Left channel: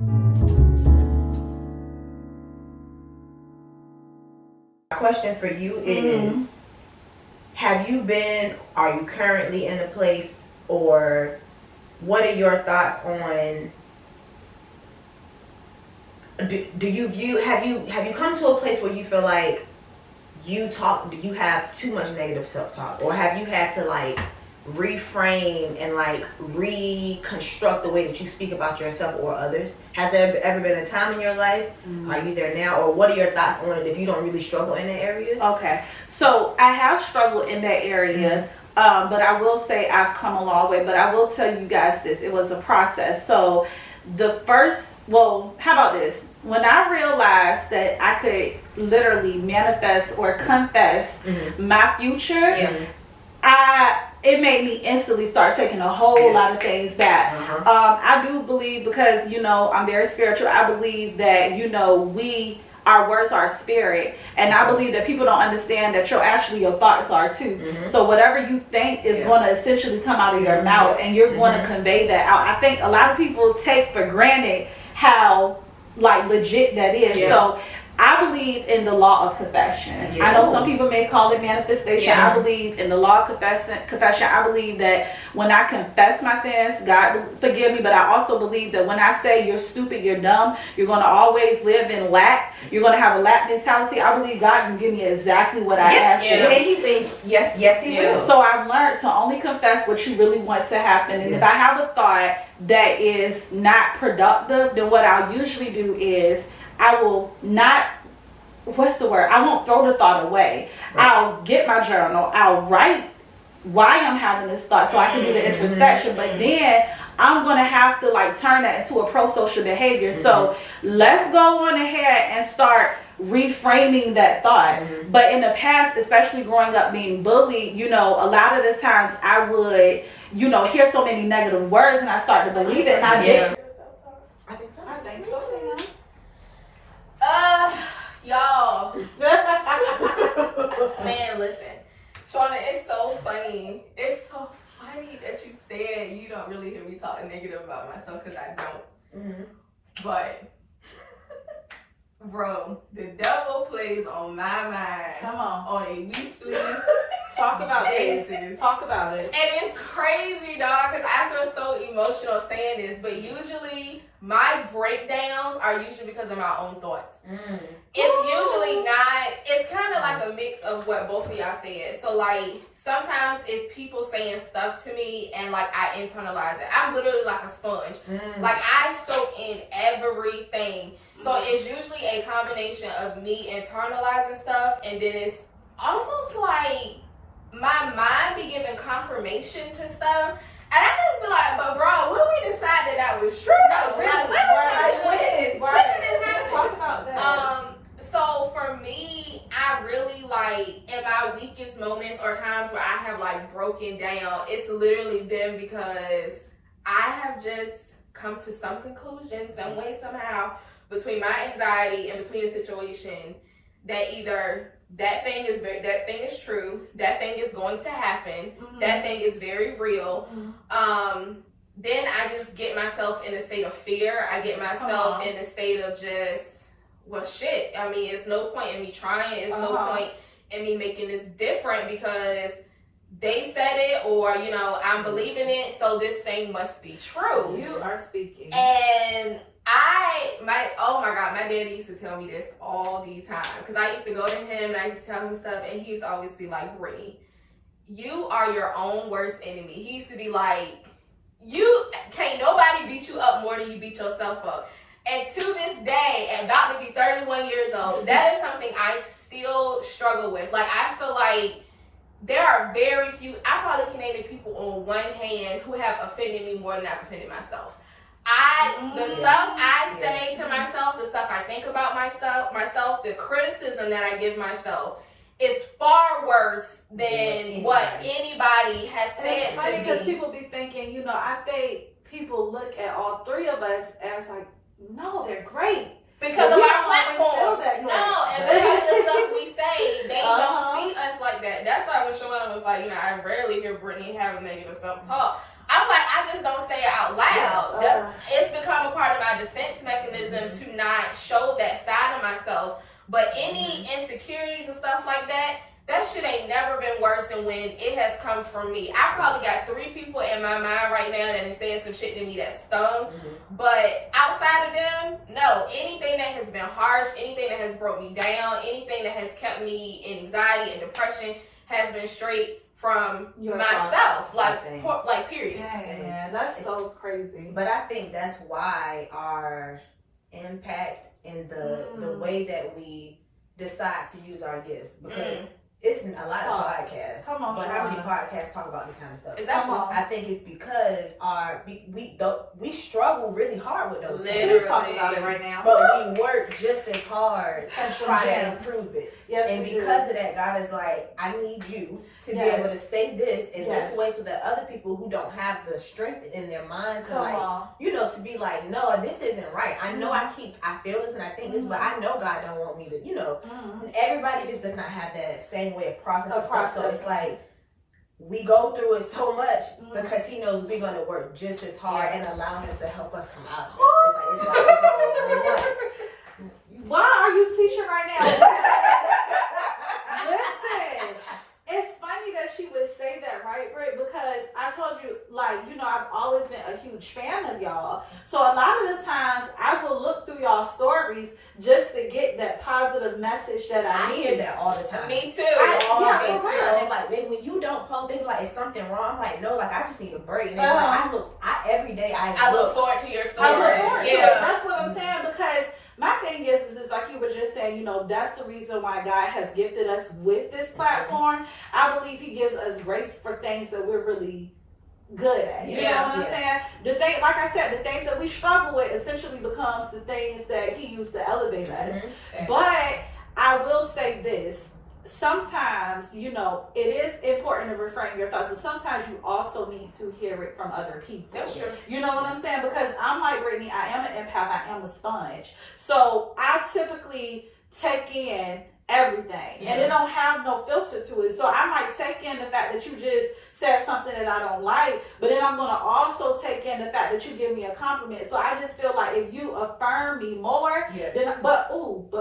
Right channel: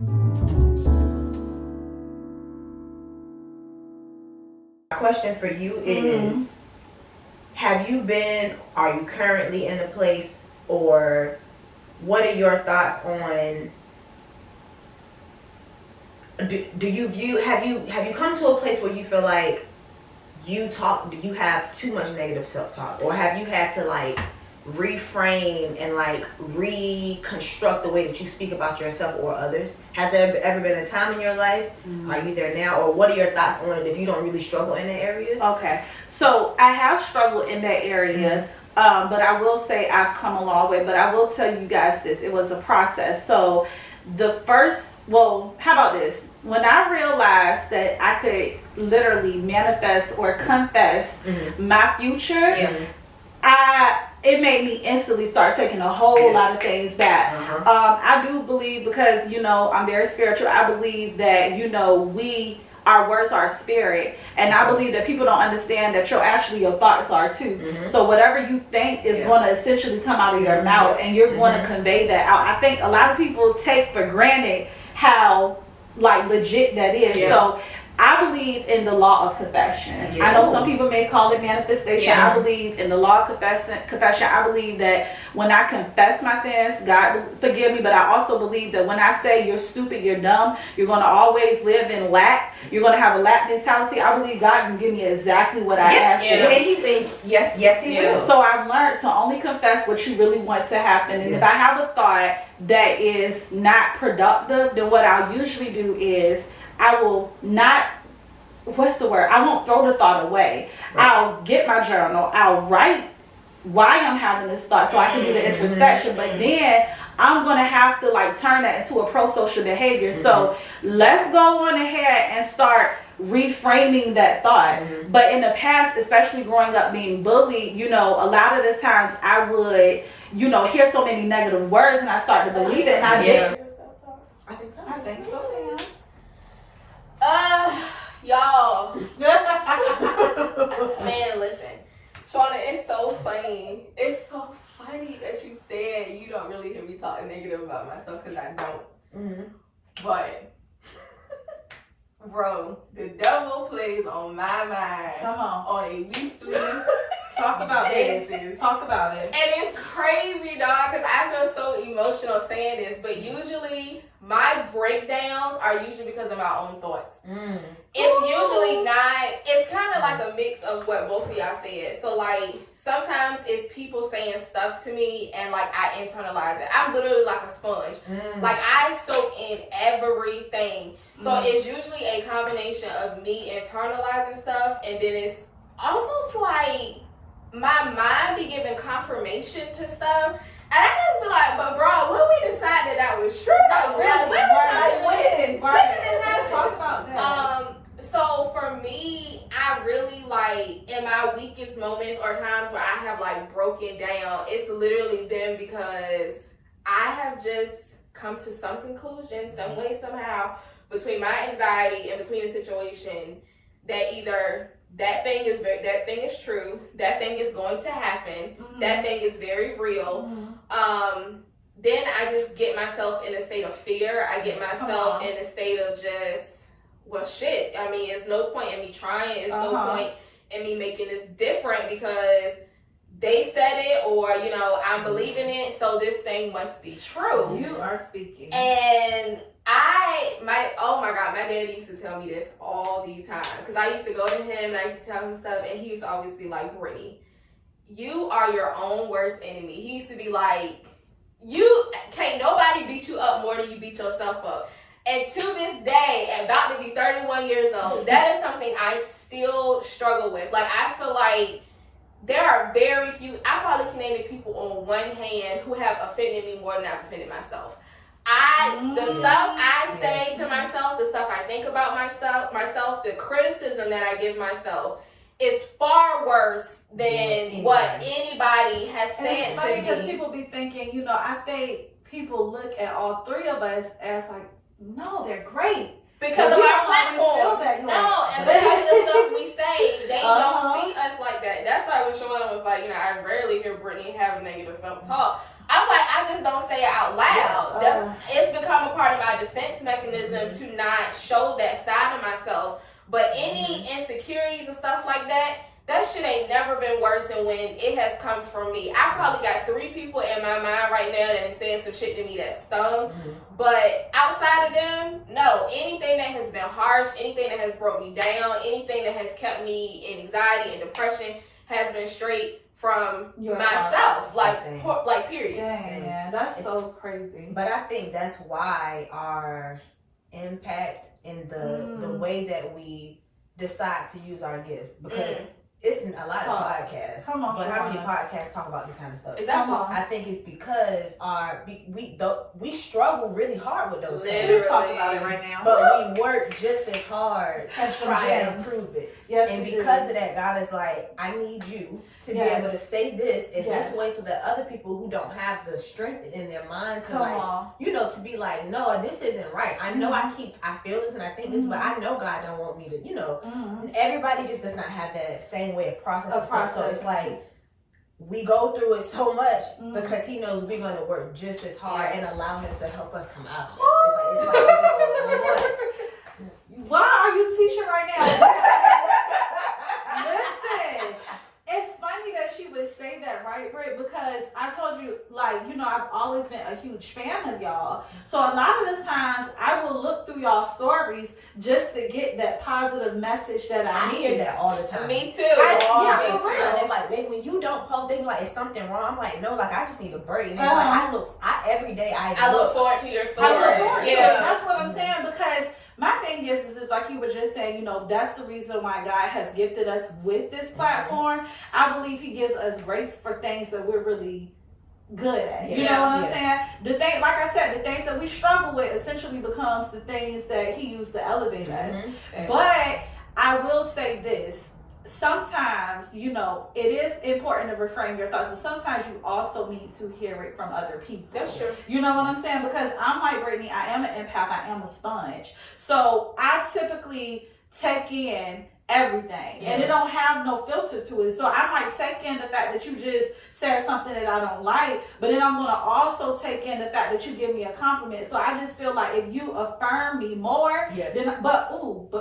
My question for you is, are you currently in a place, or what are your thoughts on, do you view, have you come to a place where you feel like you have too much negative self-talk, or have you had to like reframe and like reconstruct the way that you speak about yourself or others? Has there ever been a time in your life? Are you there now, or what are your thoughts on it if you don't really struggle in that area? Okay, so I have struggled in that area, but I will say I've come a long way. But I will tell you guys this: it was a process. So how about this? When I realized that I could literally manifest or confess my future, it made me instantly start taking a whole lot of things back. I do believe, because I'm very spiritual, I believe that our words are spirit, and I believe that people don't understand that your thoughts are too. So whatever you think is going to essentially come out of your mouth, and you're going to convey that out. I think a lot of people take for granted how like legit that is. So I believe in the law of confession. I know some people may call it manifestation. I believe in the law of confession. I believe that when I confess my sins, God will forgive me. But I also believe that when I say you're stupid, you're dumb, you're going to always live in lack, you're going to have a lack mentality, I believe God can give me exactly what I ask for. Yes, he will. So I've learned to only confess what you really want to happen. And if I have a thought that is not productive, then what I'll usually do is I will not, I won't throw the thought away. I'll get my journal. I'll write why I'm having this thought so I can do the introspection. But then I'm going to have to like turn that into a pro-social behavior. So let's go on ahead and start reframing that thought. But in the past, especially growing up being bullied, a lot of the times I would, hear so many negative words and I start to believe it. And I did. I think so. Y'all. Man, listen. Shauna, it's so funny. It's so funny that you said you don't really hear me talking negative about myself, because I don't. But, bro, the devil plays on my mind. Come on. A weekly Talk about basis. it. Talk about it. And it's crazy, dog, because I feel so emotional saying this, but usually my breakdowns are usually because of my own thoughts. It's usually not, it's kind of like a mix of what both of y'all said. So like, sometimes it's people saying stuff to me and like I internalize it. I'm literally like a sponge. Like I soak in everything. So it's usually a combination of me internalizing stuff, and then it's almost like my mind be giving confirmation to stuff. And I just be like, but bro, when we decided that was true, that really, Talk about that. So for me, I really like in my weakest moments or times where I have like broken down, it's literally been because I have just come to some conclusion, some way, somehow, between my anxiety and between the situation, that either that thing is true, that thing is going to happen, that thing is very real. Then I just get myself in a state of fear. I get myself in a state of just, well, shit. I mean, it's no point in me trying. It's no point in me making this different because they said it, or, I'm believing it, so this thing must be true. You are speaking. And oh my God, my daddy used to tell me this all the time. Because I used to go to him and I used to tell him stuff, and he used to always be like, Brittany, you are your own worst enemy. He used to be like, can't nobody beat you up more than you beat yourself up. And to this day, and about to be 31 years old, that is something I still struggle with. Like, I feel like there are very few, I probably can name people on one hand who have offended me more than I've offended myself. The stuff I say to myself, the stuff I think about myself, the criticism that I give myself is far worse than what anybody has said it's funny to me. Because people be thinking, I think people look at all three of us as like, no, they're great. Because of our platform. No, and because of the stuff we say, they don't see us like that. That's why when Shawana was like, I rarely hear Brittany have a negative self-talk. I'm like, I just don't say it out loud. It's become a part part of my defense mechanism to not show that side of myself. But any insecurities and stuff like that, that shit ain't never been worse than when it has come from me. I probably got 3 people in my mind right now that have said some shit to me that stung. But outside of them, no. Anything that has been harsh, anything that has broke me down, anything that has kept me in anxiety and depression has been straight from myself. Like period. Dang, man, that's so crazy. But I think that's why our impact in the way that we decide to use our gifts, because it's a lot of podcasts. Come on, but how many podcasts talk about this kind of stuff? Exactly. I think it's because we struggle really hard with those things. Let's talk about it right now. But we work just as hard to try to improve it. Yes, and because of that, God is like, I need you to be able to say this in this way, so that other people who don't have the strength in their mind to to be like, no, this isn't right. I know I feel this and I think this, but I know God don't want me to, everybody just does not have that same way of processing stuff. So it's like, we go through it so much because he knows we're going to work just as hard and allow him to help us come out of it. It's like why are you teaching right now? Listen, it's funny that she would say that, right, Britt? Because I told you, I've always been a huge fan of y'all. So a lot of the times I will look through y'all stories just to get that positive message that I need. I hear that all the time. Me too. They're like, when you don't post, they be like, is something wrong? I'm like, no, I just need a break. And they're like, every day I look forward to your story. I look forward to it. That's what I'm saying, because my thing is like you were just saying, that's the reason why God has gifted us with this platform. I believe he gives us grace for things that we're really good at. You know what I'm saying? The thing, like I said, the things that we struggle with essentially becomes the things that he used to elevate us. But I will say this. Sometimes, it is important to reframe your thoughts, but sometimes you also need to hear it from other people. That's true. You know what I'm saying? Because I'm like Brittany, I am an empath, I am a sponge. So I typically take in everything and it don't have no filter to it. So I might take in the fact that you just said something that I don't like, but then I'm gonna also take in the fact that you give me a compliment. So I just feel like if you affirm me more, but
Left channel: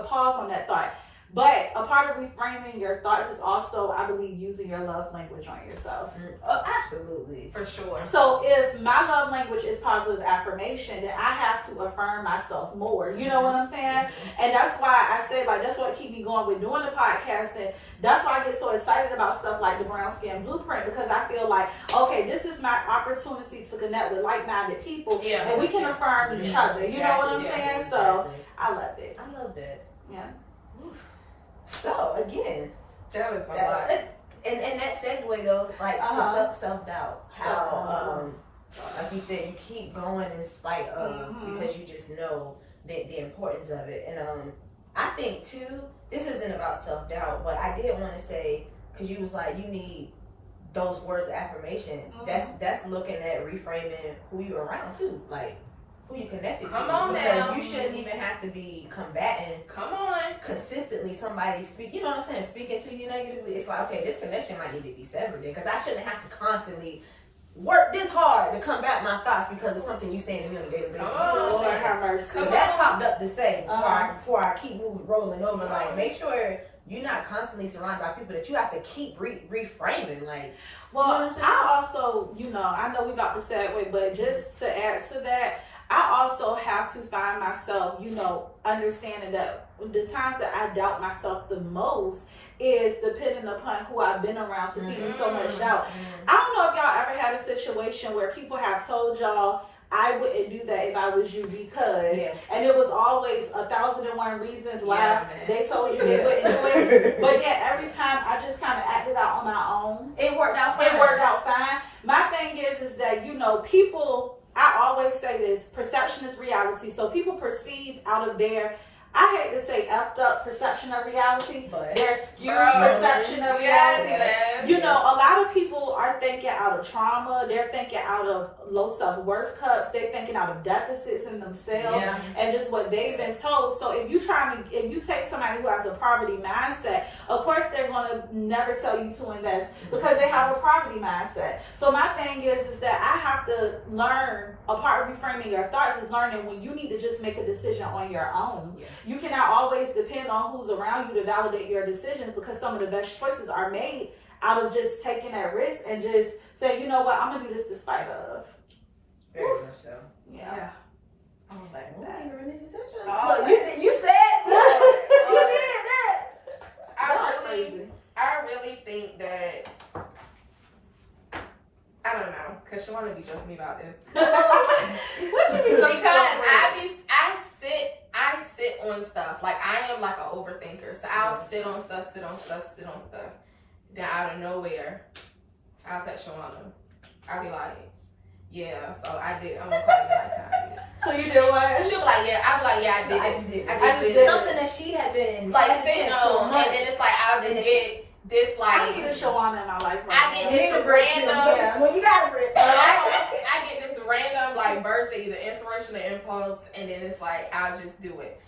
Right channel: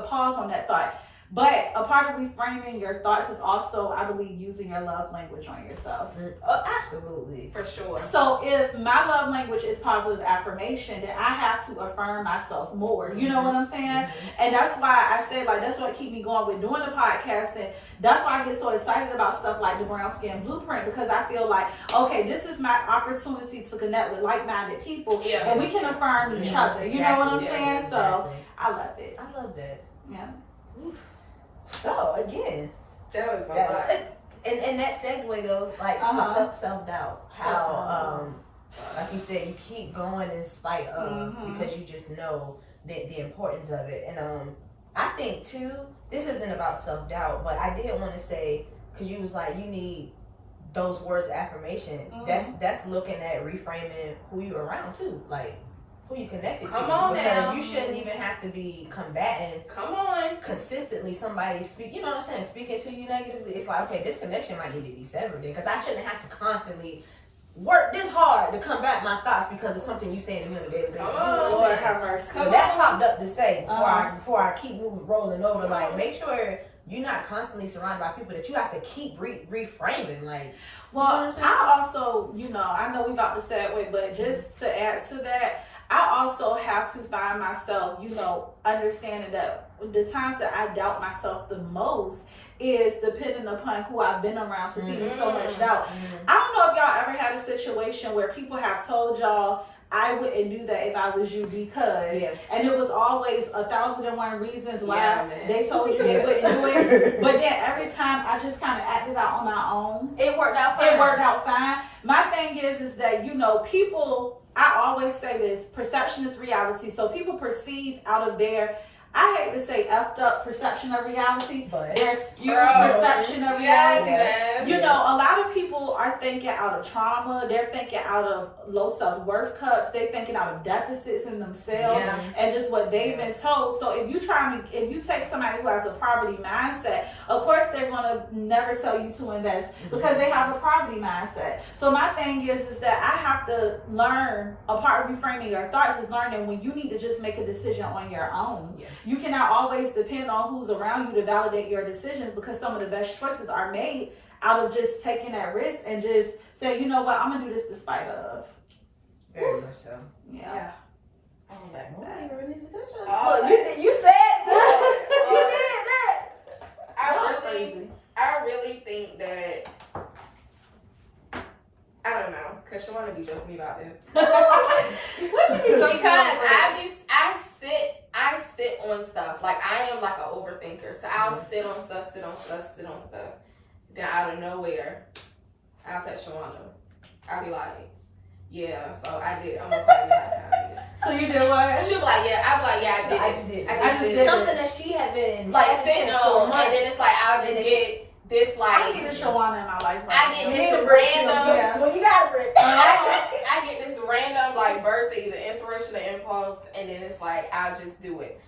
pause on that thought. But a part of reframing your thoughts is also, I believe, using your love language on yourself. Oh, absolutely. For sure. So if my love language is positive affirmation, then I have to affirm myself more. You know what I'm saying? And that's why I said, that's what keep me going with doing the podcast. And that's why I get so excited about stuff like the Brown Skin Blueprint, because I feel like, okay, this is my opportunity to connect with like-minded people. And we can affirm each other. You know what I'm saying? So I love it. I love that. Yeah. So again, that was a lot. And that segue though, self-doubt. How like you said, you keep going in spite of because you just know the importance of it. And I think too, this isn't about self-doubt, but I did want to say, because you was like, you need those words of affirmation. That's looking at reframing who you're around too, like who you connected to. Because you shouldn't even have to be combating. Consistently somebody speaking to you negatively. It's like, okay, this connection might need to be severed then, because I shouldn't have to constantly work this hard to combat my thoughts because of something you saying to me on a daily basis. Lord have mercy. So that popped up to say before I keep rolling over, like, make sure you're not constantly surrounded by people that you have to keep reframing. Like, well, I also, I know we about to segue, but just to add to that, I also have to find myself, understanding that the times that I doubt myself the most is depending upon who I've been around to feed me so much doubt. I don't know if y'all ever had a situation where people have told y'all, I wouldn't do that if I was you because, and it was always 1,001 reasons why they told you they wouldn't do it. But then every time I just kind of acted out on my own. It worked out fine. My thing is that, people, I always say this, perception is reality. So people perceive out of their I hate to say effed up perception of reality, But their skewed perception of reality. Yes. You know, a lot of people are thinking out of trauma. They're thinking out of low self-worth cups. They're thinking out of deficits in themselves and just what they've been told. So if you take somebody who has a poverty mindset, of course they're going to never tell you to invest because they have a poverty mindset. So my thing is that I have to learn, a part of reframing your thoughts is learning when you need to just make a decision on your own. Yeah. You cannot always depend on who's around you to validate your decisions because some of the best choices are made out of just taking that risk and just saying, you know what, I'm going to do this despite of. Very much so. Yeah. Oh, you said Oh, you did that. I really think that, I don't know, because Shawana be joking me about this. What you mean? Because I sit on stuff. Like, I am like an overthinker. So I'll sit on stuff. Then out of nowhere, I'll text Shawana. I'll be like, yeah, so I did. I'm gonna call you like So you did what? She'll be like, yeah. I'll be like, yeah, I did. I just did. I just did something that she had been like sitting on, and then it's like I'll just get this like. I get a Shawana in my life right I now. get this random. Well, you got it. I get this random like burst of either inspiration or impulse, and then it's like I'll just do it.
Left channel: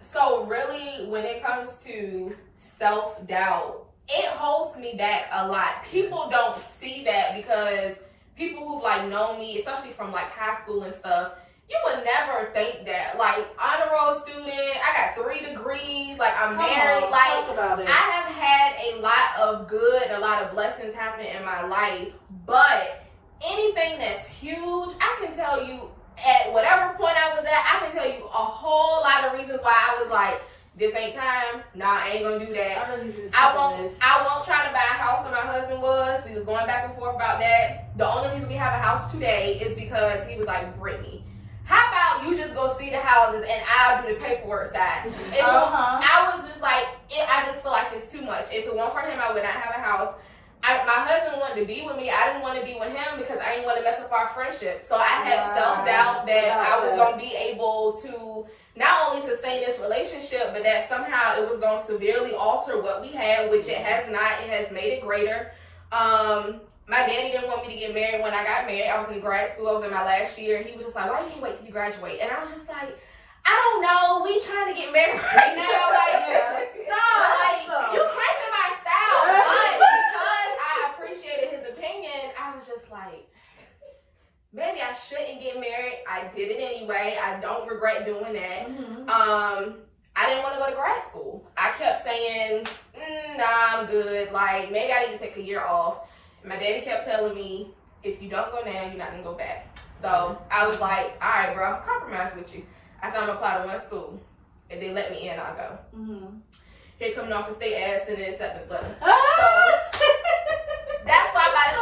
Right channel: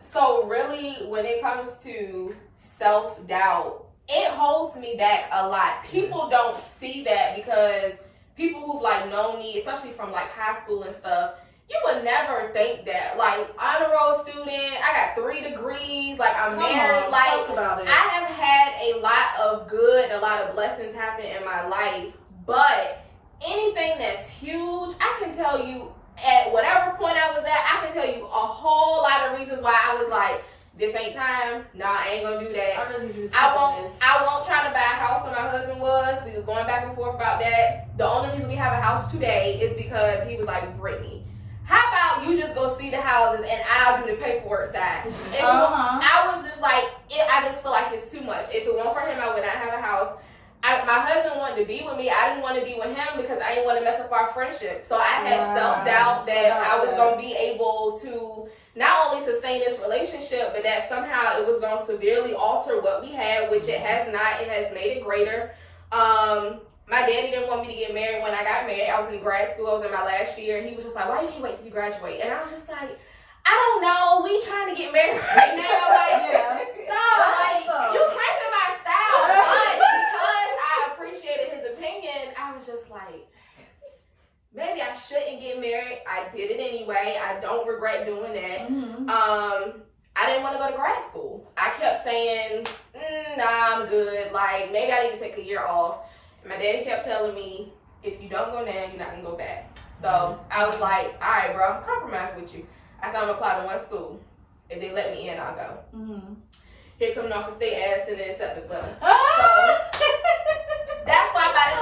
So really, when it comes to self-doubt, it holds me back a lot. People don't see that because people who've like known me, especially from like high school and stuff, you would never think that. Like, honor roll student, I got 3 degrees, like I'm married, like talk about it. I have had a lot of good, a lot of blessings happen in my life, but anything that's huge, I can tell you at whatever point I was at, I can tell you a whole lot of reasons why I was like, this ain't time. Nah, I ain't gonna do that. I won't try to buy a house when my husband was. We was going back and forth about that. The only reason we have a house today is because he was like, Brittany, how about you just go see the houses and I'll do the paperwork side? I was just like, I just feel like it's too much. If it weren't for him, I would not have a house. My husband wanted to be with me. I didn't want to be with him because I didn't want to mess up our friendship. So I had self-doubt that I was going to be able to not only sustain this relationship, but that somehow it was going to severely alter what we had, which it has not. It has made it greater. My daddy didn't want me to get married when I got married. I was in grad school. I was in my last year. He was just like, why you can't wait till you graduate? And I was just like, I don't know. We trying to get married right now. Like, you cramping my style. But because I appreciated his opinion, I was just like, maybe I shouldn't get married. I did it anyway. I don't regret doing that. I didn't want to go to grad school. I kept saying, nah, I'm good. Like, maybe I need to take a year off. And my daddy kept telling me, if you don't go now, you're not going to go back. So I was like, all right, bro, I'm compromise with you. I said, I'm going to apply to one school. If they let me in, I'll go. Here coming off a state ass and an acceptance letter. So that's why by the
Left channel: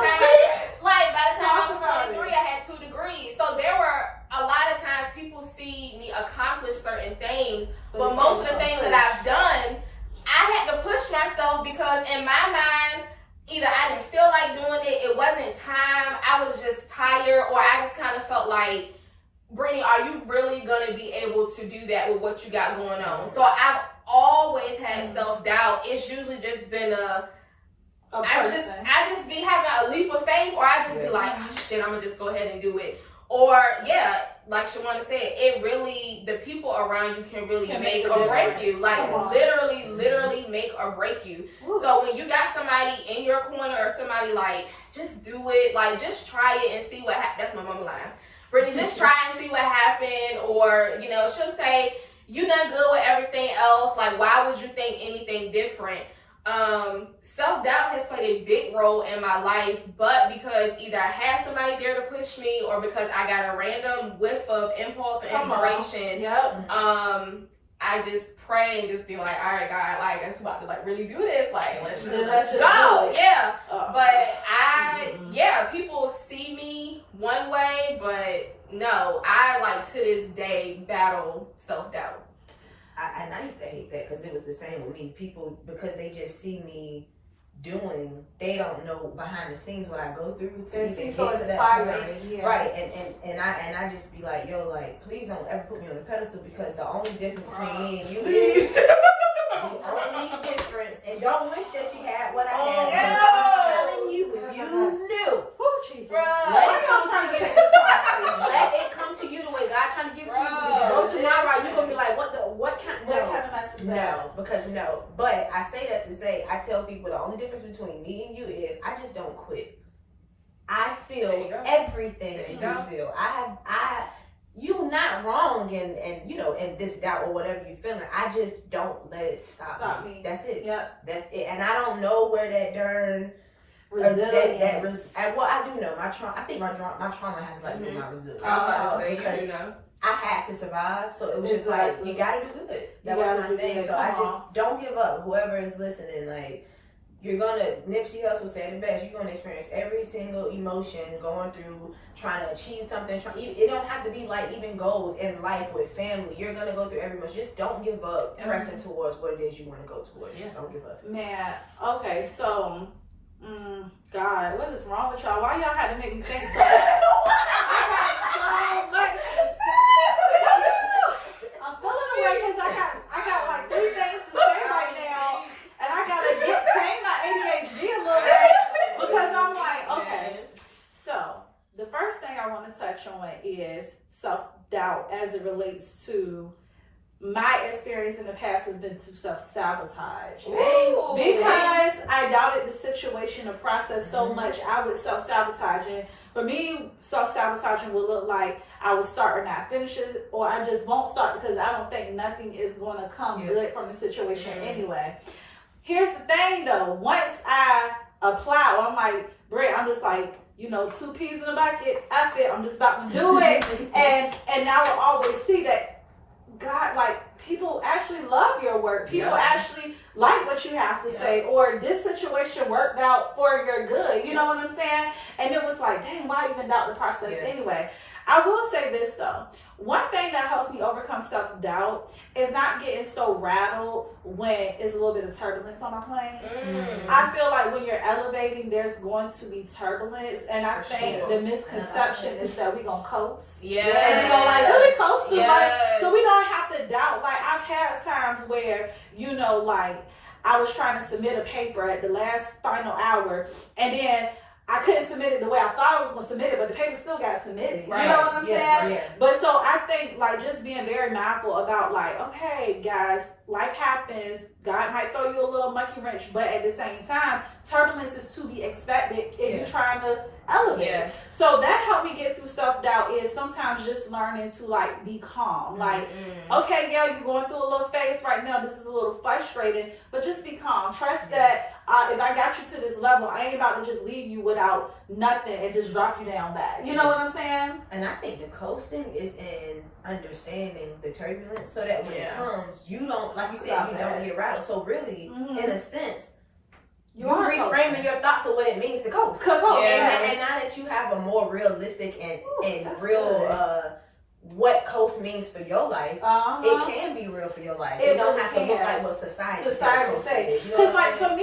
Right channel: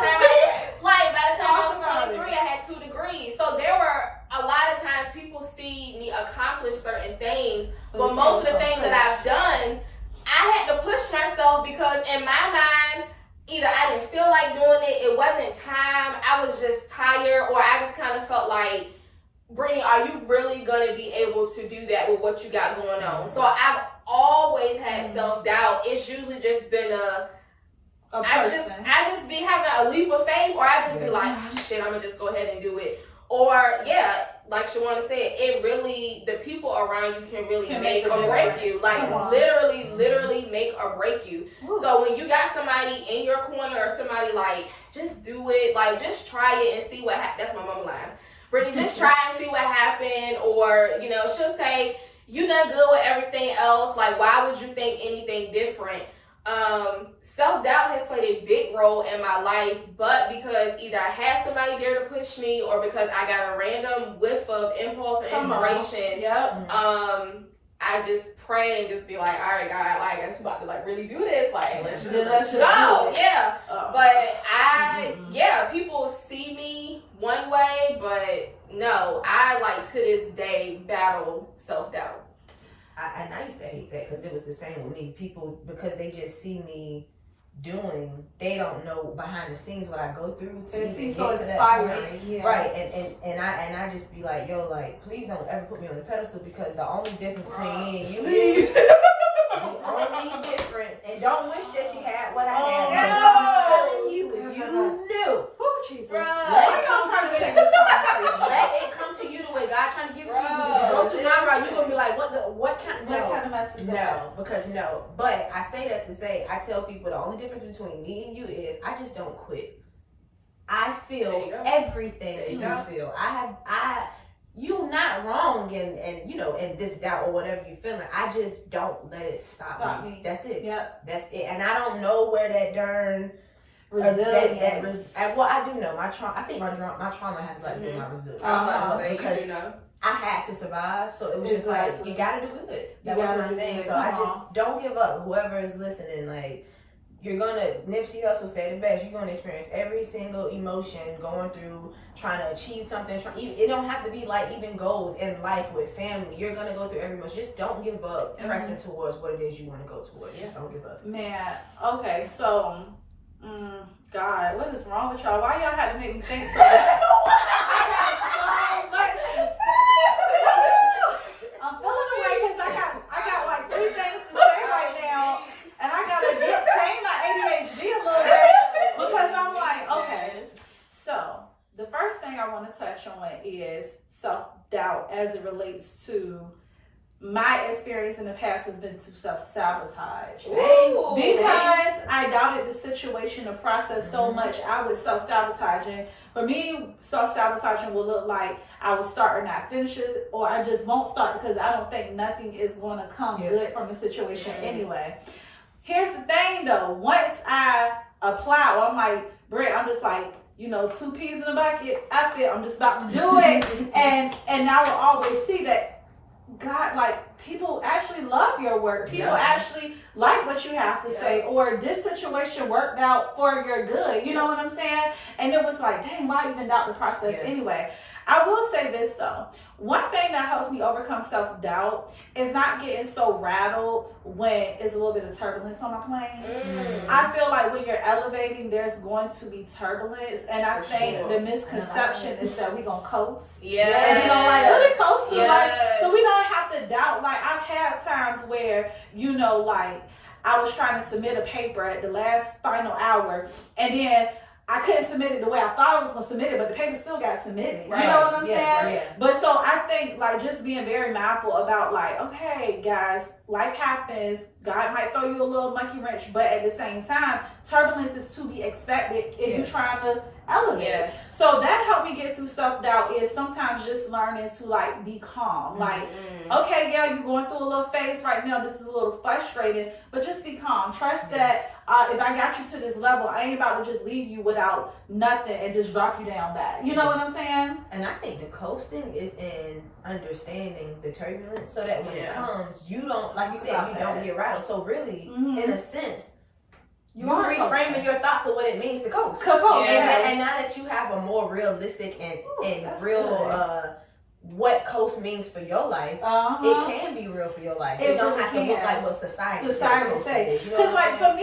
time I was 23, I had 2 degrees. So there were a lot of times people see me accomplish certain things, but most of the things that I've done, I had to push myself because in my mind, either I didn't feel like doing it, it wasn't time, I was just tired, or I just kind of felt like, Brittany, are you really going to be able to do that with what you got going on? So I've always had self-doubt. It's usually just been I just be having a leap of faith, or I just be like, oh, shit, I'm going to just go ahead and do it. Or, like Shawana said, it really, the people around you can really make or break you. Like, literally make or break you. Ooh. So when you got somebody in your corner or somebody like, just do it, like, just try it and see what happens. That's my mama line. Brittany, just try and see what happened. Or, you know, she'll say, you done good with everything else. Like, why would you think anything different? Self-doubt has played a big role in my life, but because either I had somebody there to push me or because I got a random whiff of impulse and inspiration, I just pray and just be like, all right, God, like, I'm about to like really do this. Like, let's go. Yeah. But people see me one way, but no, I like to this day battle self-doubt. And I used to hate that because it was the same with me. People, because they just see me doing, they don't know behind the scenes what I go through to And even it's get so to that inspiring. point. Yeah. Right, and I just be like, yo, like, please don't ever put me on a pedestal, because the only difference between me and you is the only difference, and don't wish that you had what I had. I'm telling you, if you knew, Oh, Jesus. let Why it y'all come trying to to you. take this conversation? Let it come to you the way God trying to give it to you. Because if you go to my route, you're gonna be like, what kind of message? No, because no. But I say that to say, I tell people the only difference between me and you is I just don't quit. I feel everything that you feel. You're not wrong and you know, in this doubt or whatever you're feeling. I just don't let it stop me. That's it. Yep. That's it. And I don't know where that darn well, I do know my trauma. I think my trauma has like been my resilience. Because I had to survive, so it was just like, you gotta do good. That was my thing. So I just don't give up. Whoever is listening, like, you're gonna, Nipsey Hussle said it best, you're gonna experience every single emotion going through trying to achieve something. It don't have to be like even goals in life with family. You're gonna go through every emotion. Just don't give up pressing towards what it is you want to go towards. Just don't give up. Man, okay, so God, what is wrong with y'all? Why y'all had to make me think so much? I'm feeling away because I got like 3 things to say right now, and I gotta tame my ADHD a little bit because I'm like, okay. So the first thing I want to touch on is self-doubt as it relates to my experience in the past has been to self-sabotage. Because I doubted the situation, the process so much, I was self-sabotaging. For me, self-sabotaging would look like I would start and not finish it, or I just won't start because I don't think nothing is going to come good from the situation anyway. Here's the thing though, once I apply, or I'm like, Britt, I'm just like, 2 peas in a bucket, F it, I'm just about to do it. and now I will always see that God, like, people actually love your work. People actually like what you have to say, or this situation worked out for your good. You know what I'm saying? And it was like, dang, why even doubt the process anyway? I will say this though. One thing that helps me overcome self-doubt is not getting so rattled when it's a little bit of turbulence on my plane. I feel like when you're elevating, there's going to be turbulence, and I think the misconception is that we're going to coast. And we don't like really coast through life, so we don't have to doubt. Like, I've had times where, like, I was trying to submit a paper at the last final hour, and then I couldn't submit it the way I thought I was going to submit it, but the paper still got submitted. Right. You know what I'm saying? Right. But so I think, like, just being very mindful about, like, okay, guys, life happens. God might throw you a little monkey wrench, but at the same time, turbulence is to be expected if you're trying to elevate. So that helped me get through self-doubt is sometimes just learning to, like, be calm. Like, okay, you're going through a little phase right now. This is a little frustrating, but just be calm. Trust that if I got you to this level, I ain't about to just leave you without nothing and just drop you down back. You know what I'm saying? And I think the coasting is in understanding the turbulence so that when it comes, you don't, like you said, you don't get rattled. So really, in a sense, you're reframing your thoughts of what it means to coast. And now that you have a more realistic and real what coast means for your life, it can be real for your life. It don't have to look like what society says. Because like to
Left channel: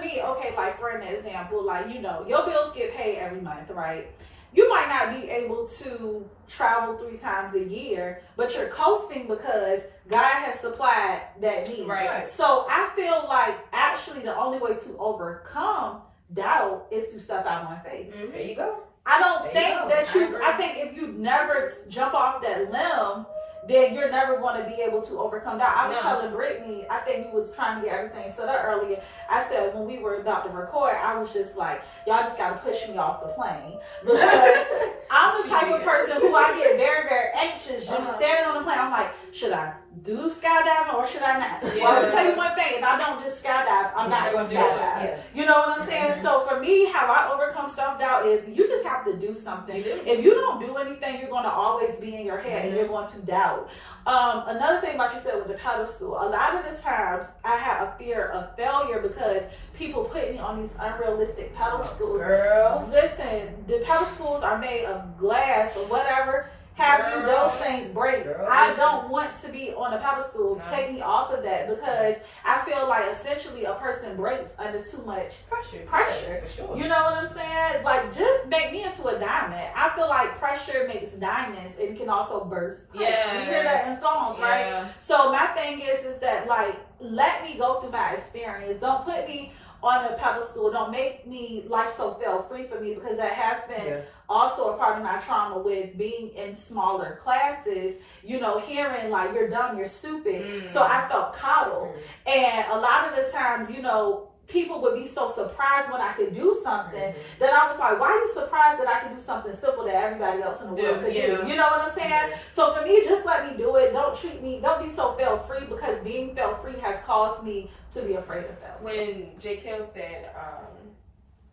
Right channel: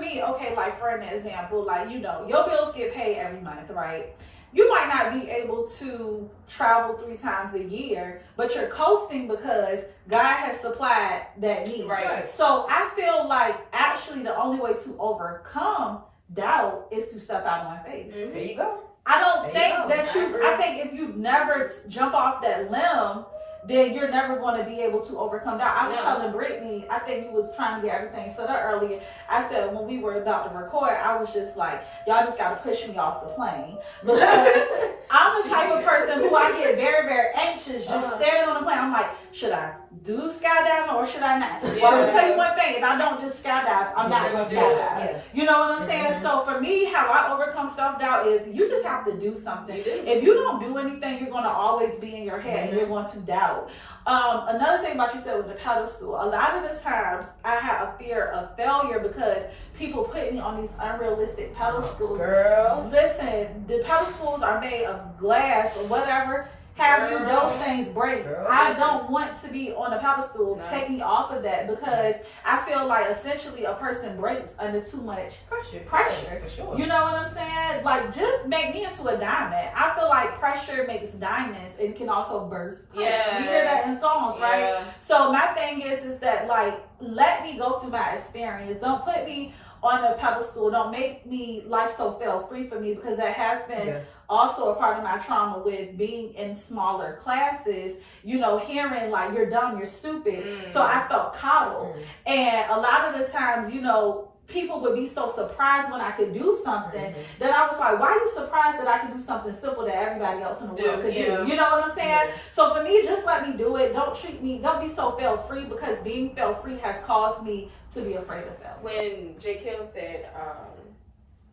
me, okay, like for an example, like your bills get paid every month, right? You might not be able to travel 3 times a year, but you're coasting because God has supplied that need. Right. So I feel like actually the only way to overcome doubt is to step out on faith. There you go. I don't think that I think if you never jump off that limb, then you're never going to be able to overcome that. I was telling Brittany, I think you was trying to get everything set up earlier. I said when we were about to record, I was just like, y'all just got to push me off the plane. Because I'm the type of person who I get very, very anxious just standing on the plane. I'm like, should I do skydiving or should I not? Well, I'm going to tell you one thing. If I don't just skydive, I'm not going to skydive. You know what I'm saying? So for me, how I overcome self-doubt is you just have to do something. If you don't do anything, you're going to always be in your head and you're going to doubt. Another thing about you said with the pedestal, a lot of the times I have a fear of failure because people put me on these unrealistic pedestals. Girl. Listen, the pedestals are made of glass or whatever. have you those things break. Girl, I don't want to be on a pedestal. No. Take me off of that, because I feel like essentially a person breaks under too much pressure. For sure. You know what I'm saying? Like, just make me into a diamond. I feel like pressure makes diamonds and can also burst. Yeah. You hear that in songs, right? Yeah. So my thing is that, like, let me go through my experience. Don't put me on a pedestal. Don't make me life so feel free for me, because that has been also a part of my trauma with being in smaller classes, you know, hearing like you're dumb, you're stupid. So I felt coddled. And a lot of the times, you know, people would be so surprised when I could do something that I was like, why are you surprised that I can do something simple that everybody else in the world could do? You know what I'm saying? So for me, just let me do it. Don't be so fail free, because being fail free has caused me to be afraid of fail. When J. Kim said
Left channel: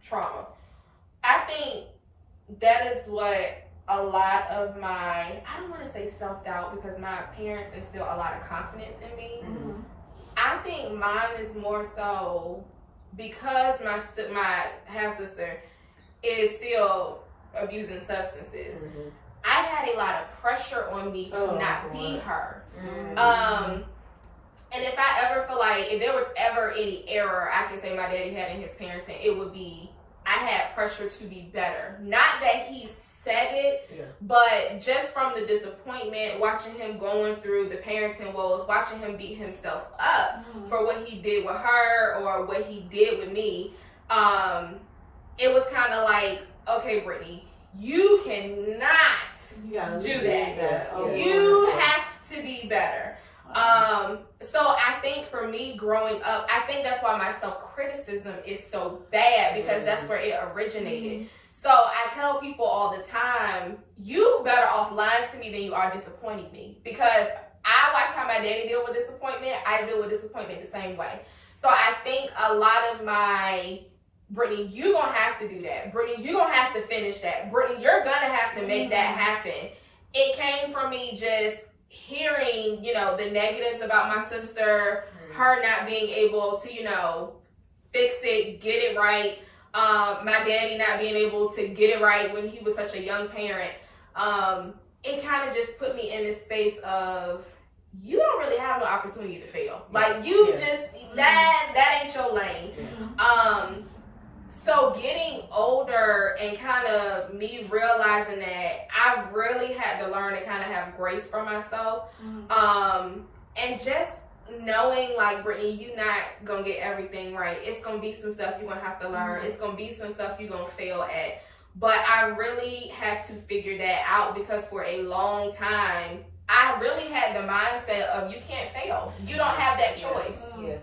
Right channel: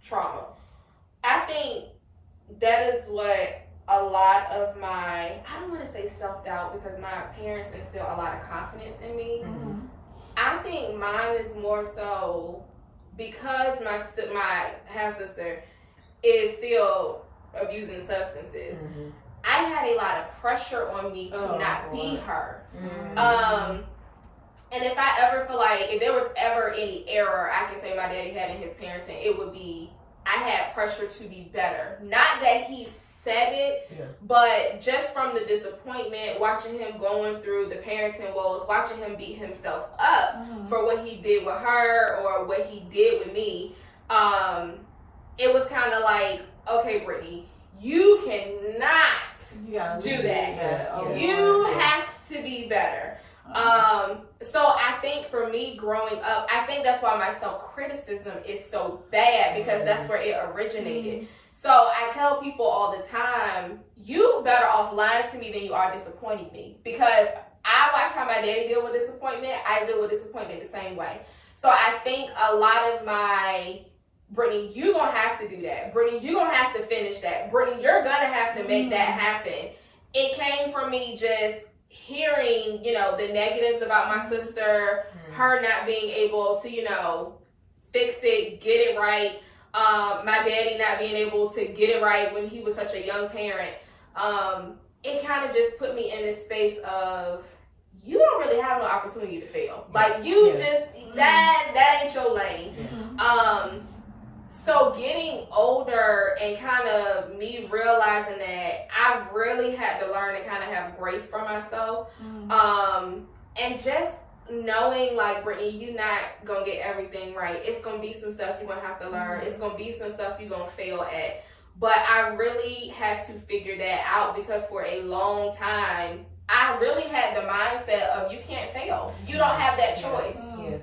trauma, I think that is what a lot of my, I don't want to say self-doubt, because my parents instilled a lot of confidence in me. I think mine is more so because my half-sister is still abusing substances. I had a lot of pressure on me to not be her. And if I ever feel like, if there was ever any error I can say my daddy had in his parenting, it would be I had pressure to be better. Not that he said it, but just from the disappointment, watching him going through the parenting woes, watching him beat himself up for what he did with her or what he did with me, it was kind of like, okay, Brittany, you cannot do that. You have to be better. So I think for me growing up, I think that's why my self-criticism is so bad, because that's where it originated. So I tell people all the time, you better off lying to me than you are disappointing me, because I watched how my daddy deal with disappointment. I deal with disappointment the same way. So I think a lot of my, Brittany, you gonna have to do that. Brittany, you gonna have to finish that. Brittany, you're gonna have to make that happen. It came from me just hearing, you know, the negatives about my sister, her not being able to, you know, fix it, get it right. My daddy not being able to get it right when he was such a young parent. It kind of just put me in this space of, you don't really have no opportunity to fail. Like, you just, that ain't your lane. So getting older and kind of me realizing that I really had to learn to kind of have grace for myself. And just knowing, like, Brittany, you're not gonna get everything right. It's gonna be some stuff you're gonna have to learn. It's gonna be some stuff you're gonna fail at. But I really had to figure that out, because for a long time, I really had the mindset of, you can't fail. You don't have that choice.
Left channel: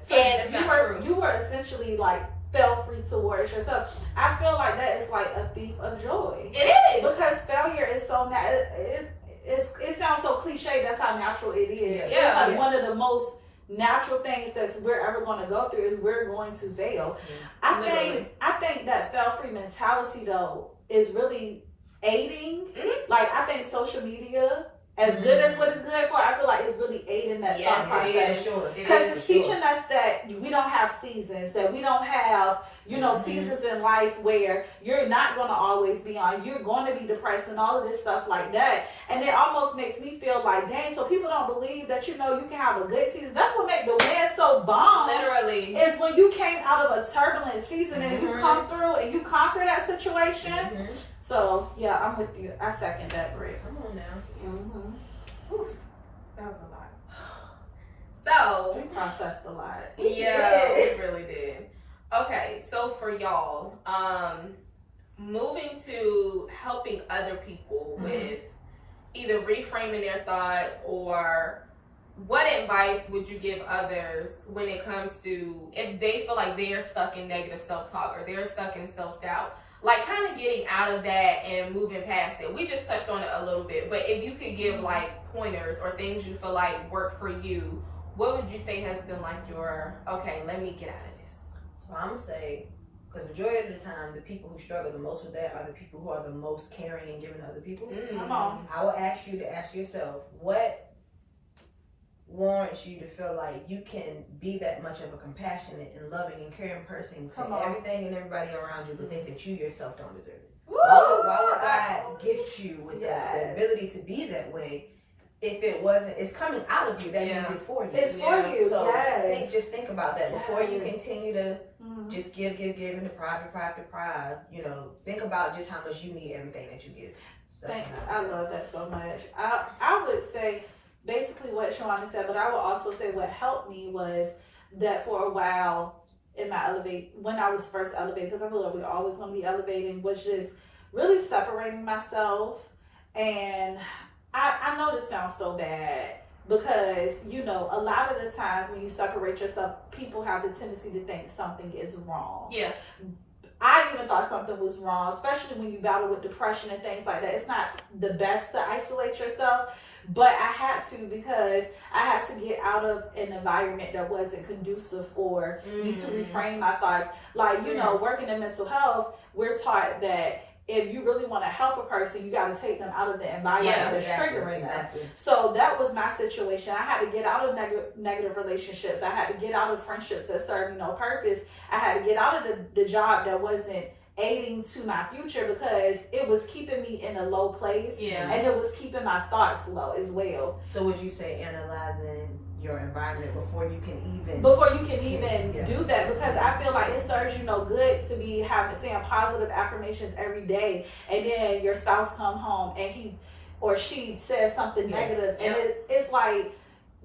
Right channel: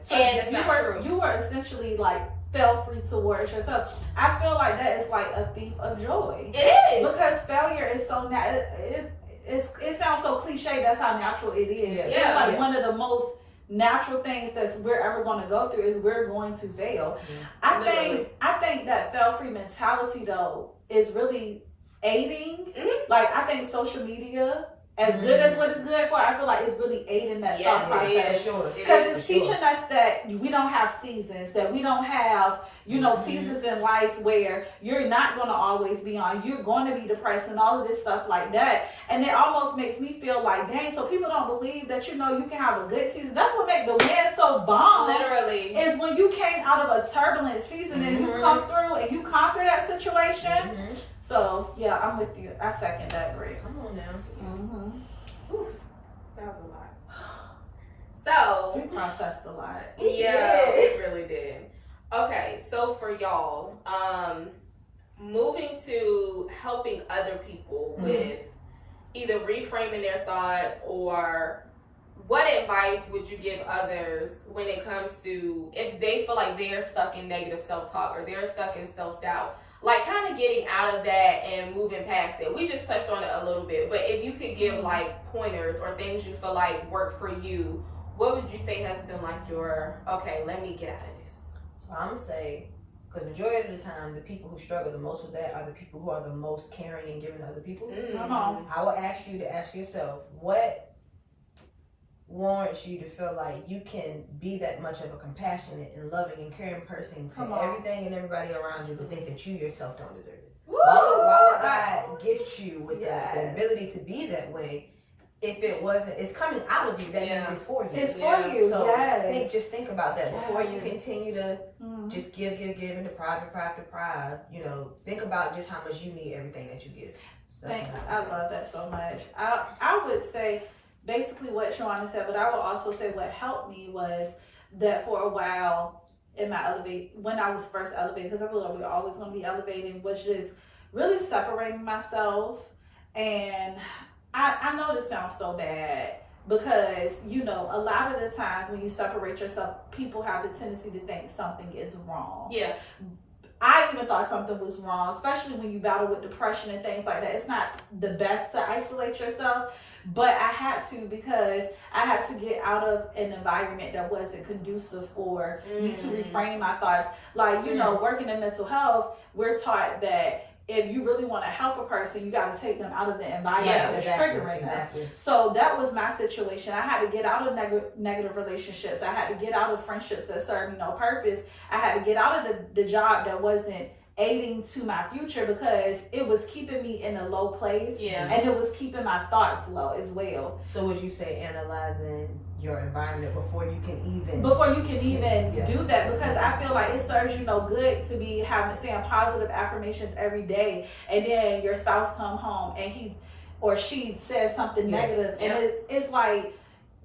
So and it's not true. You were essentially like feel free towards yourself. I feel like that is like a thief of joy. It is. Because failure is so it sounds so cliche. That's how natural it is. It's like one of the most natural things that we're ever going to go through is we're going to fail. I think that fail-free mentality though is really aiding. Like, I think social media, as good as what it's good for, I feel like it's really aiding that thought process. Because it's teaching us that we don't have seasons, that we don't have, you know, seasons in life where you're not going to always be on, you're going to be depressed and all of this stuff like that. And it almost makes me feel like, dang, so people don't believe that, you know, you can have a good season. That's what makes the win so bomb. Literally. Is when you came out of a turbulent season and you come through and you conquer that situation. So, yeah, I'm with you. I second that, Rick. Come on now. Oof, that was a lot. So, You processed a lot. yeah, it really did. Okay, so for y'all, moving to helping other people with either reframing their thoughts, or what advice would you give others when it comes to if they feel like they're stuck in negative self-talk or they're stuck in self-doubt? Like, kind of getting out of that and moving past it. We just touched on it a little bit, but if you could give like pointers or things you feel like work for you, what would you say has been like your, okay, let me get out of this? So I'm gonna say, because majority of the time, the people who struggle the most with that are the people who are the most caring and giving to other people. Come on. I will ask you to ask yourself, what warrants you to feel like you can be that much of a compassionate and loving and caring person to everything and everybody around you, but think that you yourself don't deserve it? Why would God gift equipped you with the ability to be that way. If it wasn't, it's coming out of you. That means it's for you. It's for you. So think about that before you continue to just give, and deprive. You know, think about just how much you need everything that you give. So I love that so much. I would say basically what Shawana said, but I would also say what helped me was that for a while in my when I was first elevating, because I feel like we always want to be elevating, was just really separating myself. And I know this sounds so bad because, you know, a lot of the times when you separate yourself, people have the tendency to think something is wrong. Yeah. I even thought something was wrong, especially when you battle with depression and things like that. It's not the best to isolate yourself, but I had to because I had to get out of an environment that wasn't conducive for me to reframe my thoughts. Like, you know, working in mental health, we're taught that if you really want to help a person, you got to take them out of the environment that's triggering them. So that was my situation. I had to get out of negative relationships. I had to get out of friendships that served me no purpose. I had to get out of the job that wasn't aiding to my future because it was keeping me in a low place. And it was keeping my thoughts low as well. So would you say analyzing your environment before you can even do that, because I feel like it serves you no good to be saying positive affirmations every day, and then your spouse come home and he or she says something negative, and it's like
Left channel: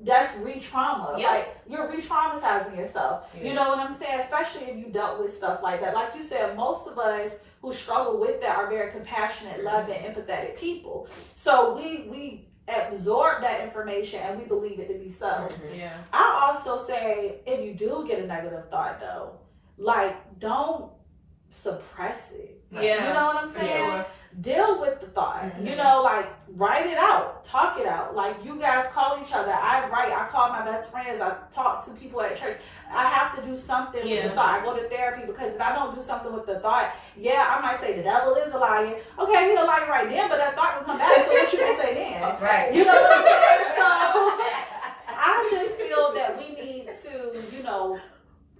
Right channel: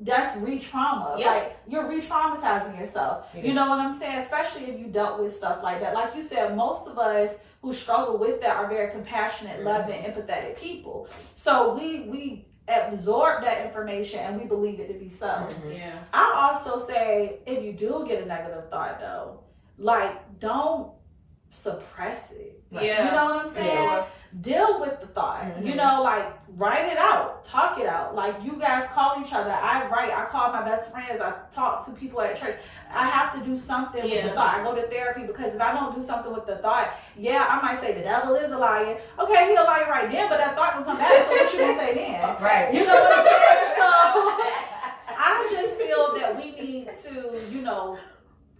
that's re-trauma. Like you're re-traumatizing yourself. You know what I'm saying? Especially if you dealt with stuff like that. Like you said, most of us who struggle with that are very compassionate, loving, empathetic people. So we absorb that information and we believe it to be so. I also say if you do get a negative thought though, like don't suppress it. You know what I'm saying? Deal with the thought. You know, like write it out, talk it out. Like you guys call each other. I call my best friends. I talk to people at church. I have to do something with the thought. I go to therapy because if I don't do something with the thought, I might say the devil is a liar. Okay, he's a liar right then, but that thought will come back. So what you gonna say then? Right. You know what I'm saying? So I just feel that we need to, you know,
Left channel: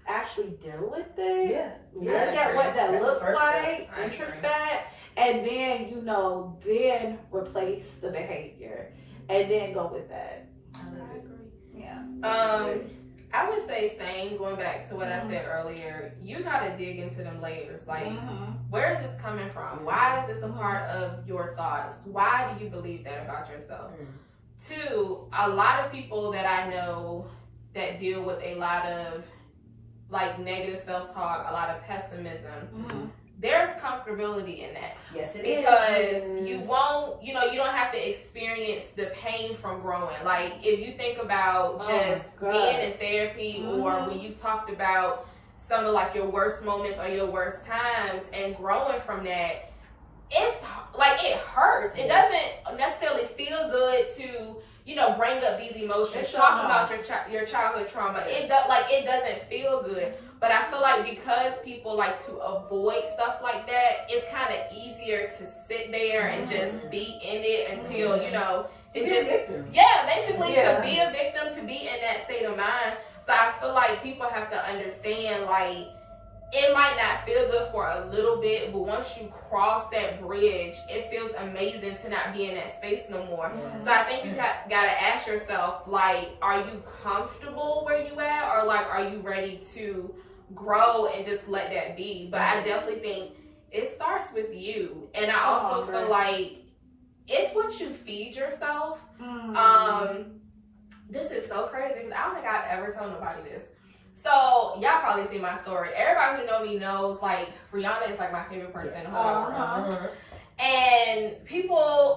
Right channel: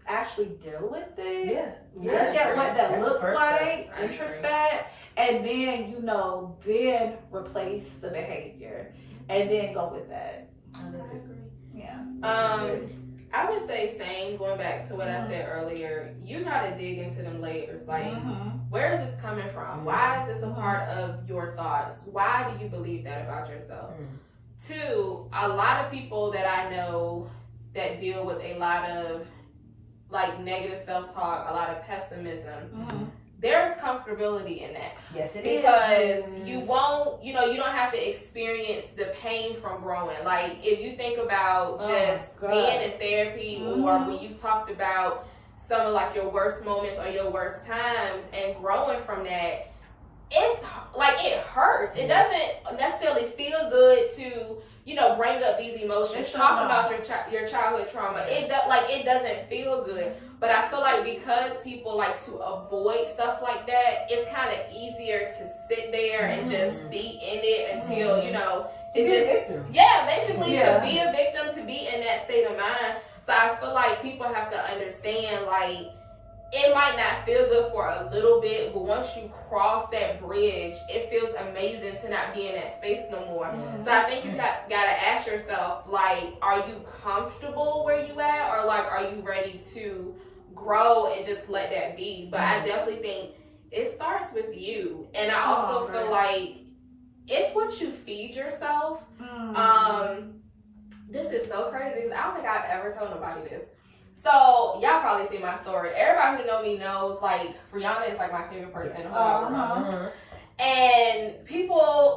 actually deal with it. Look at what that looks like, introspect, and then, you know, then replace the behavior and then go with that. I agree. I would say same, going back to what I said earlier, you gotta dig into them layers. Like, where is this coming from? Why is this a part of your thoughts? Why do you believe that about yourself? Two, a lot of people that I know that deal with a lot of like negative self-talk, a lot of pessimism, there's comfortability in that. Yes, it because you won't, you know, you don't have to experience the pain from growing. Like, if you think about just being in therapy or when you talked about some of like your worst moments or your worst times and growing from that, it's like it hurts. It doesn't necessarily feel good to, you know, bring up these emotions, talk about your childhood trauma. It doesn't feel good. But I feel like because people like to avoid stuff like that, it's kind of easier to sit there and just be in it until, you know, it basically to be a victim, to be in that state of mind. So I feel like people have to understand, like, it might not feel good for a little bit, but once you cross that bridge, it feels amazing to not be in that space no more. So I think you gotta ask yourself, like, are you comfortable where you at, or like, are you ready to grow and just let that be? But I definitely think it starts with you, and I also feel like it's what you feed yourself. This is so crazy because I don't think I've ever told nobody this. So, y'all probably see my story. Everybody who know me knows, like, Rihanna is, like, my favorite person in the whole world. And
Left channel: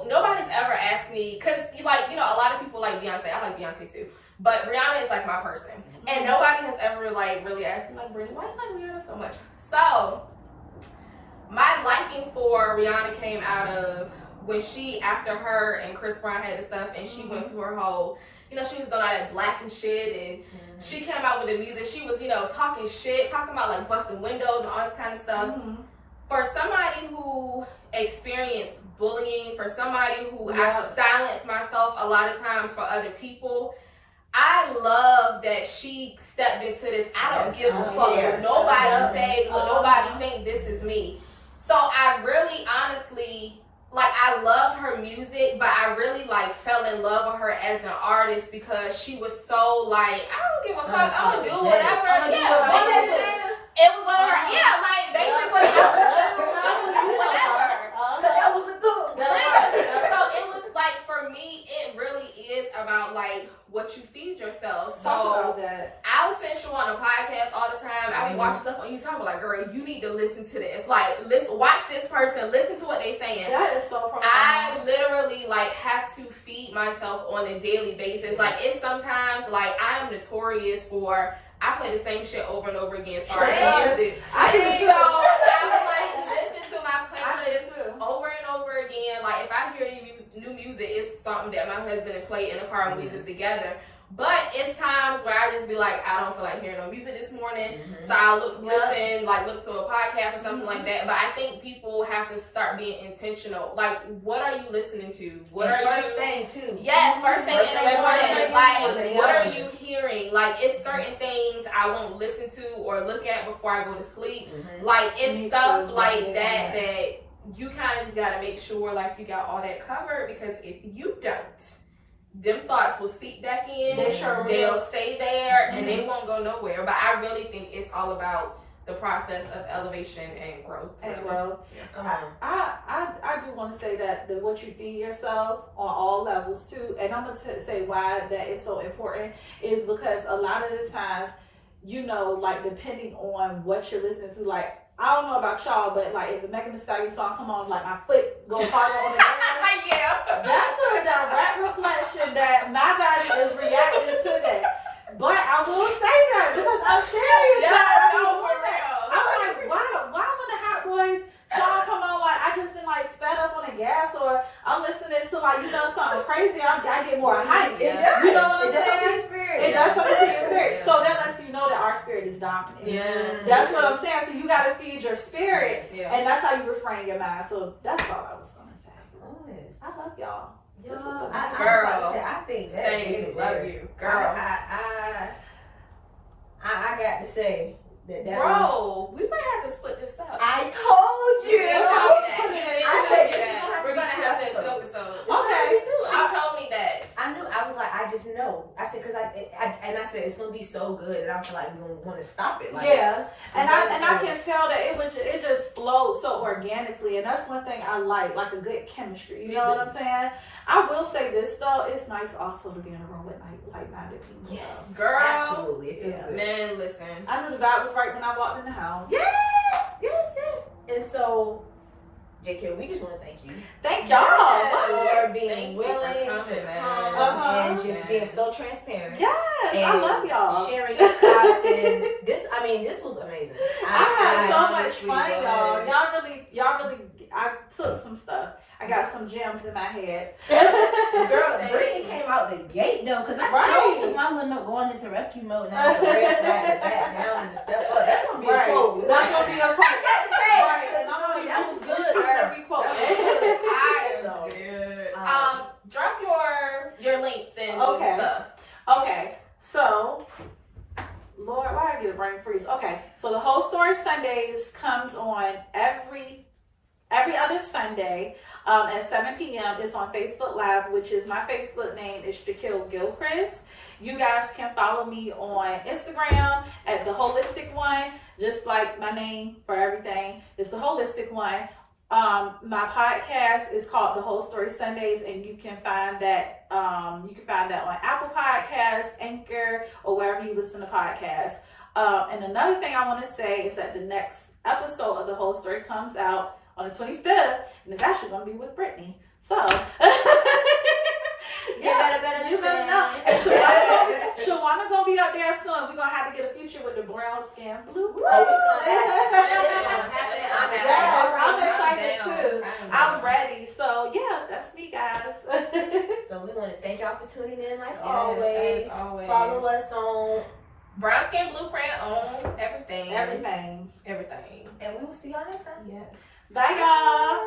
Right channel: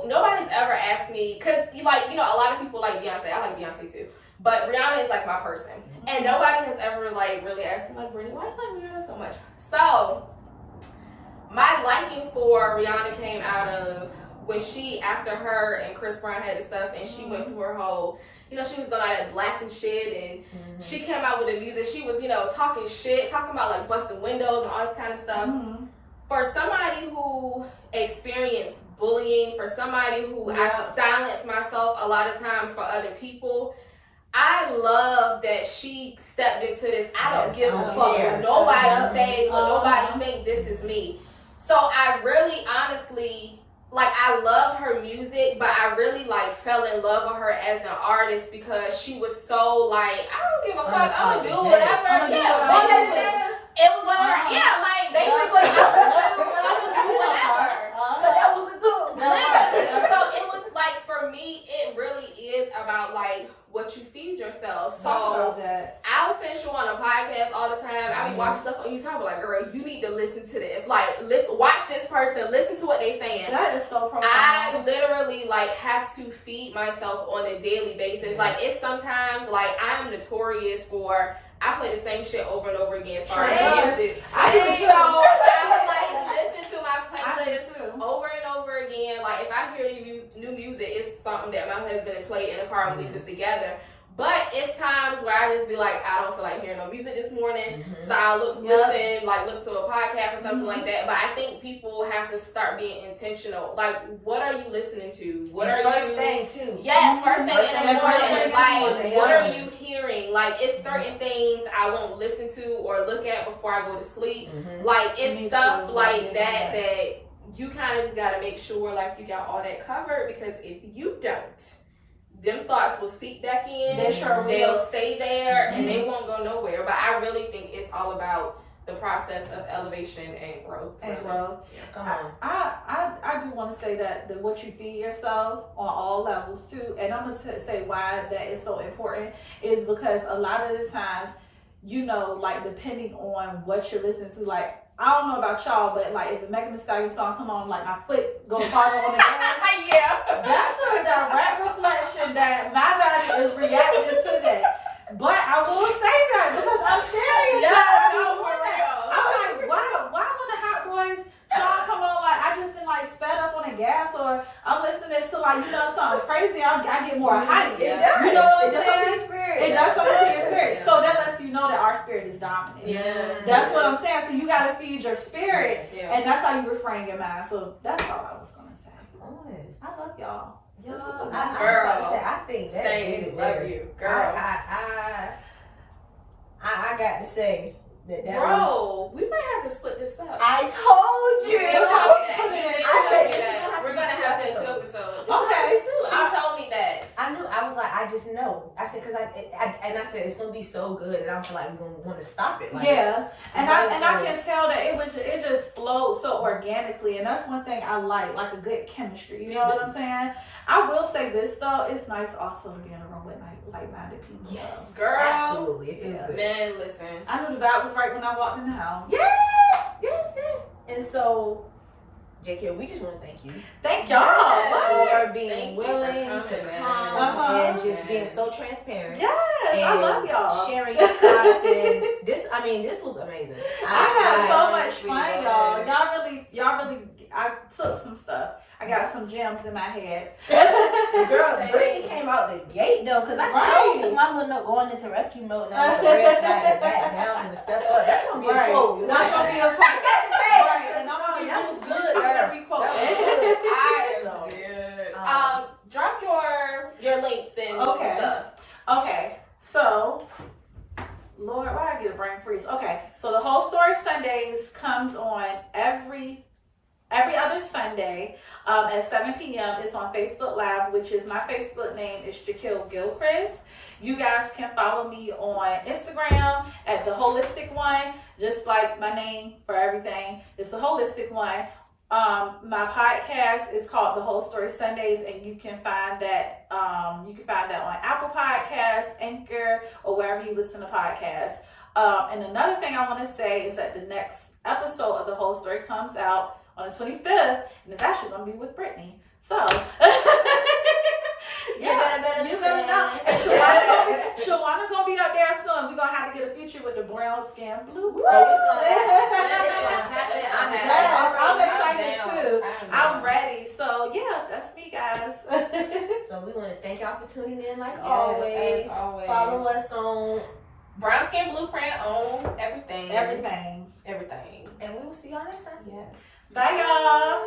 nobody's ever asked me, because, like, you know, a lot of people like Beyonce. I like Beyonce, too. But Rihanna is, like, my person. And nobody has ever, like, really asked me, like, Brittany, why do you like Rihanna so much? So, my liking for Rihanna came out of when after her and Chris Brown had the stuff, and she went through her whole, you know, she was going out at black and shit, and she came out with the music. She was, you know, talking shit, talking about like busting windows and all this kind of stuff. For somebody who experienced bullying, for somebody who I silenced myself a lot of times for other people, I love that she stepped into this. I don't give a fuck what nobody say, what nobody think, this is me. So I really honestly like I loved her music, but I really like fell in love with her as an artist because she was so like, I don't give a fuck, I'm gonna do whatever. It was whatever. Yeah, like basically I was doing whatever. That was a good one. So it was like, for me, it really is about like what you feed yourself. So I was saying show on a podcast all the time. I be watching stuff on YouTube. I'm like, girl, you need to listen to this. Like, listen, watch this person. Listen to what they saying. That is so profound. I literally like have to feed myself on a daily basis. Like, it's sometimes like I'm notorious for I play the same shit over and over again. So I would like listen to my playlist over and over again. Like, if I hear new music, it's something that my husband play in the car and we was together. But it's times where I just be like, I don't feel like hearing no music this morning. So I look to a podcast or something like that. But I think people have to start being intentional. Like, what are you listening to? What are first thing too? Yes, first thing in the morning. Like, what are you hearing? Like, it's certain things I won't listen to or look at before I go to sleep. Like, it's stuff like that you kind of just got to make sure like you got all that covered, because if you don't, them thoughts will seep back in. They'll stay there and they won't go nowhere. But I really think it's all about the process of elevation and growth. I do want to say that what you feed yourself on all levels too, and I'm going to say why that is so important is because a lot of the times, you know, like depending on what you're listening to, like I don't know about y'all, but like if the Megan Thee Stallion song come on, like my foot goes harder on the gas. That's a direct reflection that my body is reacting to that. But I will say that because I'm serious. I'm like, why when the Hot Boys song come on, like I just been like sped up on the gas, or I'm listening to like, you know, something crazy, I get more hype. You know what I'm saying? It does something to your spirit. So that lets you know that our spirit is dominant. That's what I'm saying. So you gotta feed your spirit, and that's how you refrain your mind. So that's all I was gonna say. I love y'all. I think that Same, love you, girl. I got to say that Bro, we might have to split this up. I told you. I said we're gonna have to do 2 episodes. Okay, she told me that. I knew. I was like, I just know. I said because I said it's gonna be so good that I feel like we're gonna want to stop it. Like, and I can tell that it just flows so organically, and that's one thing I like a good chemistry. You know what I'm saying? I will say this though, it's nice also to be in a room with like-minded people. Yes, girl, absolutely. It feels good. Man, listen. I knew the vibe was right when I walked in the house. Yes. And so, JK, we just want to thank you. Thank y'all for being willing to come and just being so transparent. Yes, I love y'all. Sharing your thoughts and this was amazing. I had so much fun, y'all. Y'all really. I took some stuff. I got some gems in my head. Girl, Brittany came out the gate though, because I told my little note going into rescue mode now. It's a red flag, the back down, and the step up. That's gonna be a quote. That's gonna be a quote. Right, and I'm gonna be that was good, girl. That was good. Drop your links and stuff. Okay, so Lord, why I get a brain freeze? Okay, so the Whole Story Sundays comes on every other Sunday at 7 p.m. It's on Facebook Live, which is my Facebook name is Jaquil Gilchrist. You guys can follow me on Instagram at The Holistic One, just like my name for everything. It's The Holistic One. My podcast is called The Whole Story Sundays, and you can find that on Apple Podcasts, Anchor, or wherever you listen to podcasts. And another thing I want to say is that the next episode of The Whole Story comes out on the 25th, and it's actually going to be with Brittany. So, you better know. And Shawana going to be up there soon. We're going to have to get a feature with the brown skin blue. It's gonna happen. I'm excited too. I'm ready. So, yeah, that's me, guys. So, we want to thank y'all for tuning in like always. Follow us on Brown Skin Blueprint on everything. Everything. And we will see y'all next time. Yes. Bye, y'all.